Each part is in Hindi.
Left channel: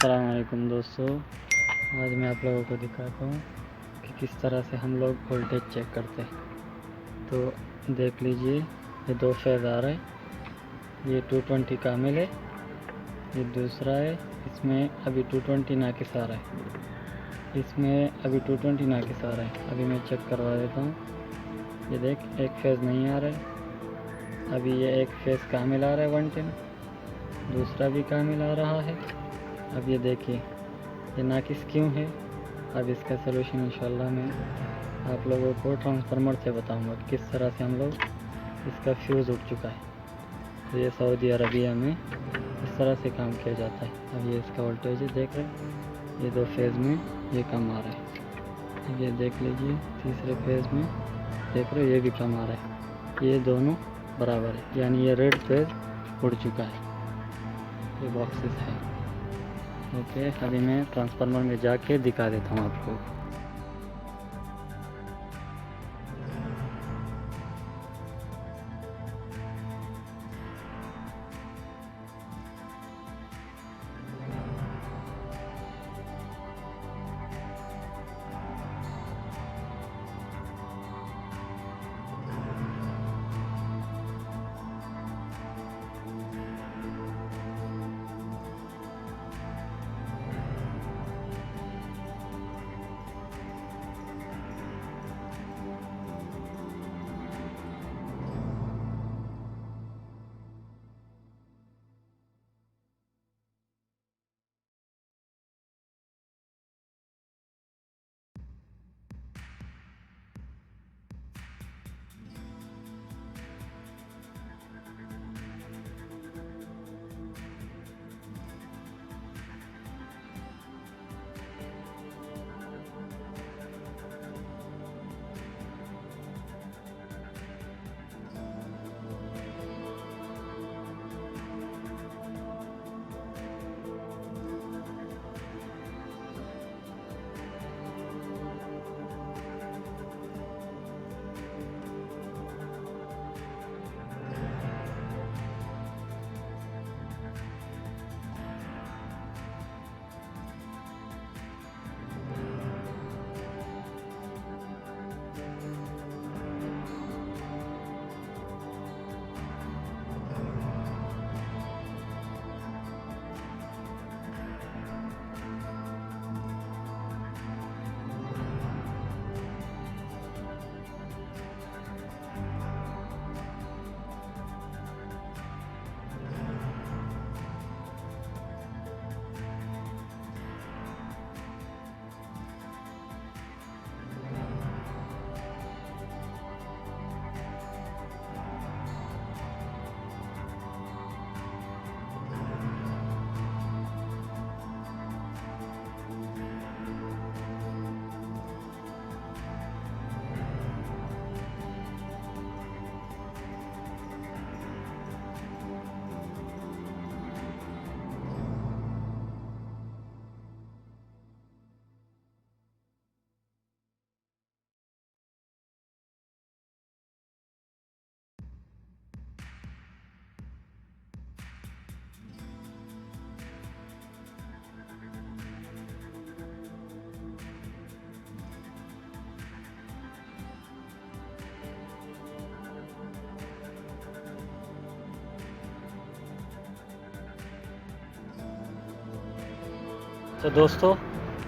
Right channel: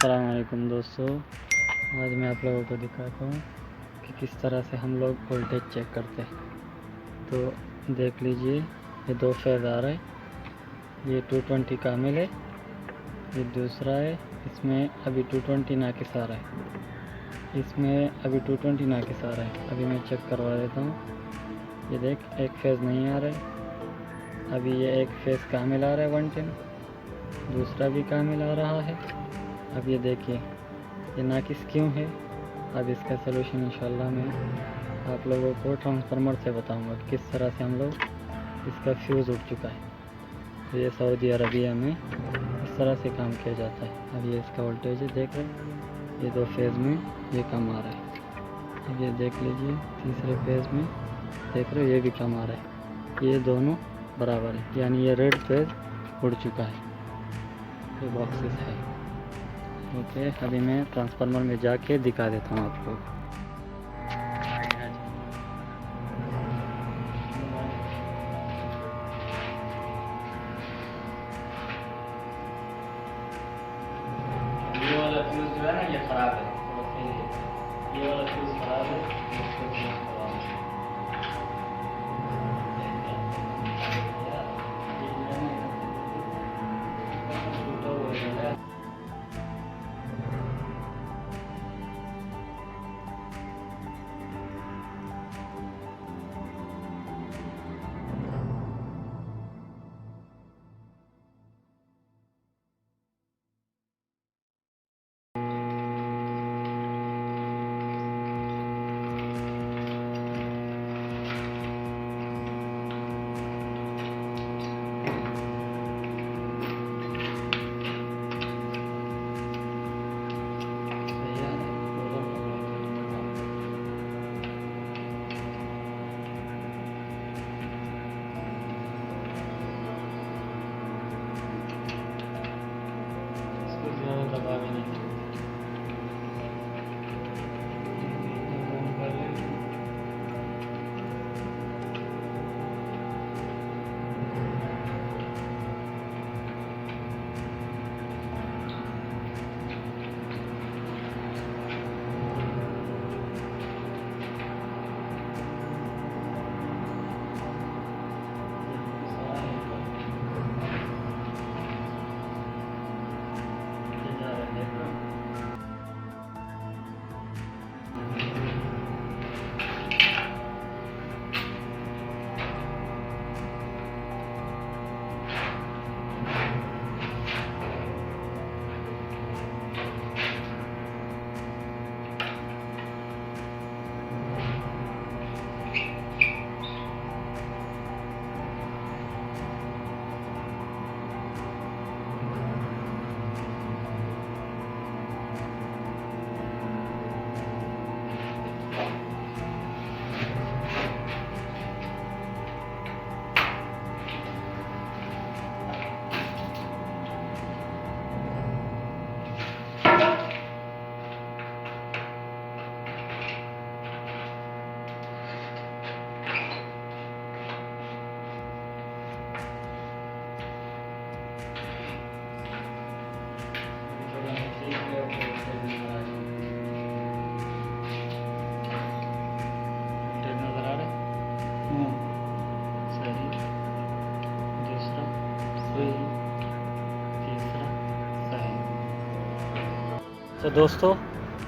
अस्सलाम वालेकुम दोस्तों, आज मैं आप लोगों को दिखाता हूँ कि किस तरह से हम लोग वोल्टेज चेक करते हैं। तो देख लीजिए, ये दो फेज़ आ रहा है, ये 220 कामिल है, ये दूसरा है, इसमें अभी 220 नाकिस आ रहा है, इसमें अभी 220 नाकिस आ रहा है। अभी मैं चेक करवा देता हूँ। ये देख, एक फेज़ नहीं आ रहा है, अभी ये एक फेज़ कामिल आ रहा है 110, दूसरा भी कामिल आ रहा है। अब ये देखिए, ये नाकिस क्यों है। अब इसका सलूशन इंशाल्लाह मैं आप लोगों को ट्रांसफार्मर से बताऊंगा किस तरह से हम लोग इसका फ्यूज़ उठ चुका है। तो ये सऊदी अरबिया में इस तरह से काम किया जाता है। अब ये इसका वोल्टेज है, देख रहे हैं, ये दो फेज़ में ये कम आ रहा है। अब ये देख लीजिए, तीसरे फेज़ में देख रहे हो, ये भी कम आ रहा है। ये दोनों बराबर है, यानी ये रेड फेज़ उड़ चुका है। ये बॉक्सेस है। ओके, अभी मैं ट्रांसफार्मर में जाके दिखा देता हूँ आप लोगों को। ये वाला फ्यूज जो है ना, ये खराब है। ये वाला फ्यूज खराब है। तो दोस्तों,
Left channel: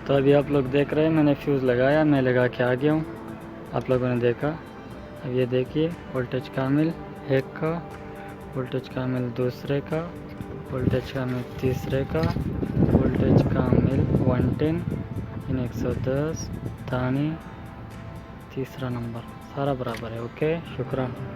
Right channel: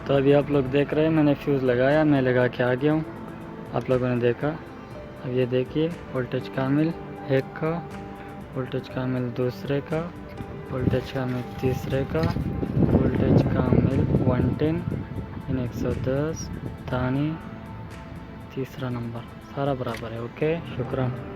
तो अभी आप लोग देख रहे हैं, मैंने फ्यूज़ लगाया, मैं लगा के आ गया हूँ। आप लोगों ने देखा। अब ये देखिए, वोल्टेज कामिल एक का, वोल्टेज कामिल दूसरे का, वोल्टेज कामिल तीसरे का, वोल्टेज कामिल 110 इन 110 थानी तीसरा नंबर, सारा बराबर है। ओके, शुक्रान।